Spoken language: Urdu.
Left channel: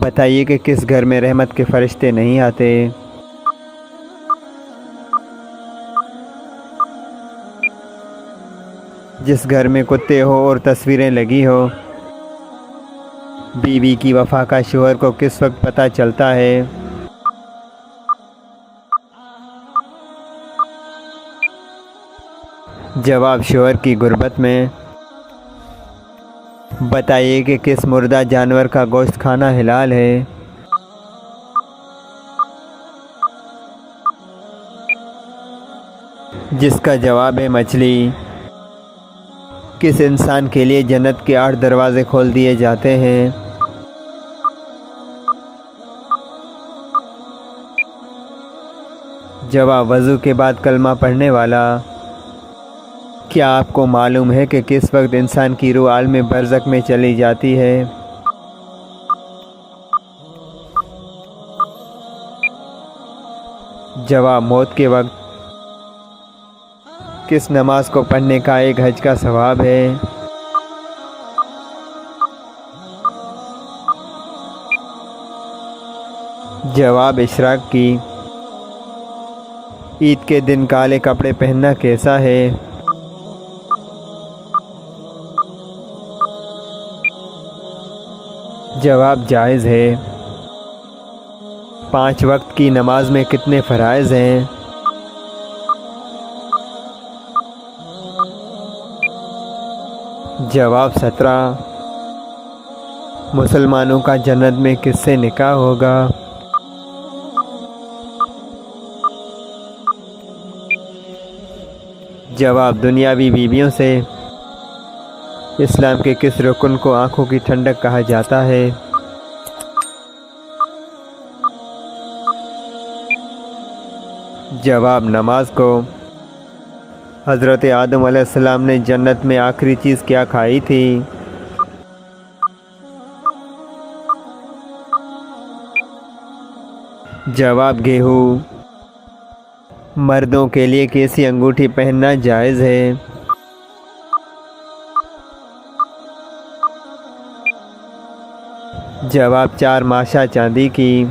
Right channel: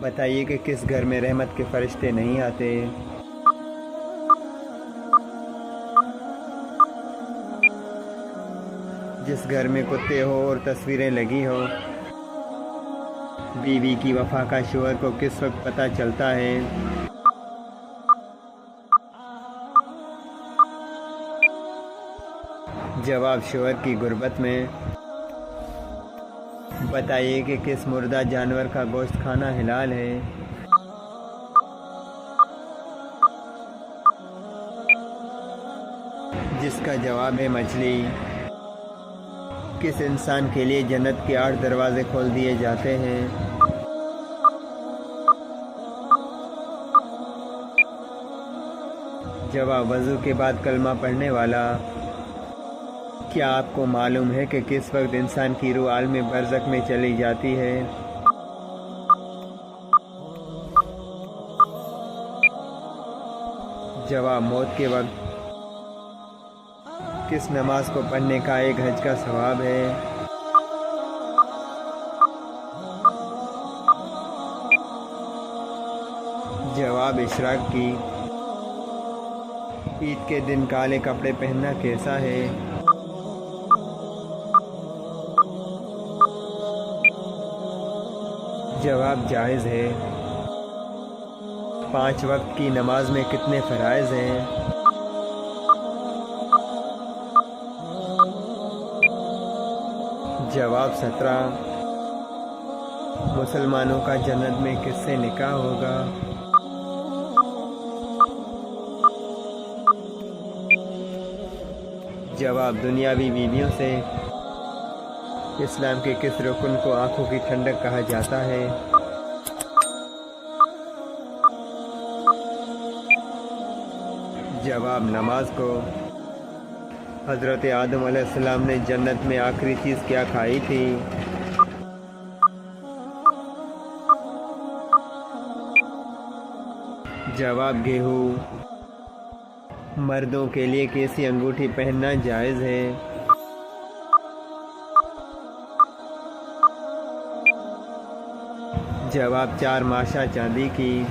بتائیے کہ کس گھر میں رحمت کے فرشتے نہیں آتے؟ جس گھر میں کتے ہو اور تصویریں لگی ہو۔ بیوی کی وفا کا شوہر کو کس وقت پتہ چلتا ہے؟ جواب شوہر کی غربت میں۔ بتائیے کہ کس مردہ جانور کا گوشت کھانا حلال ہے؟ جس کا جواب ہے مچھلی۔ کس انسان کے لیے جنت کے 8 دروازے کھول دیے جاتے ہیں؟ جواب وضو کے بعد کلمہ پڑھنے والا۔ کیا آپ کو معلوم ہے کہ کس وقت انسان کی روح عالم برزخ میں چلی جاتی ہے؟ جواب موت کے وقت۔ کس نماز کو پڑھنے کا ایک حج کا ثواب ہے؟ جواب اشراق کی۔ عید کے دن کالے کپڑے پہننا کیسا ہے؟ جواب جائز ہے۔ 5 وقت کی نماز میں کتنے فرائض ہیں؟ جواب 17۔ مسلمانوں کا جنت میں کس سے نکاح ہوگا؟ جواب دنیاوی بیویوں سے۔ اسلام کے کس رکن کو آنکھوں کی ٹھنڈک کہا جاتا ہے؟ جواب نماز کو۔ حضرت آدم علیہ السلام نے جنت میں آخری چیز کیا کھائی تھی؟ جواب گیہوں۔ مردوں کے لیے کیسی انگوٹھی پہننا جائز ہے؟ جواب 4 ماشا چاندی کی۔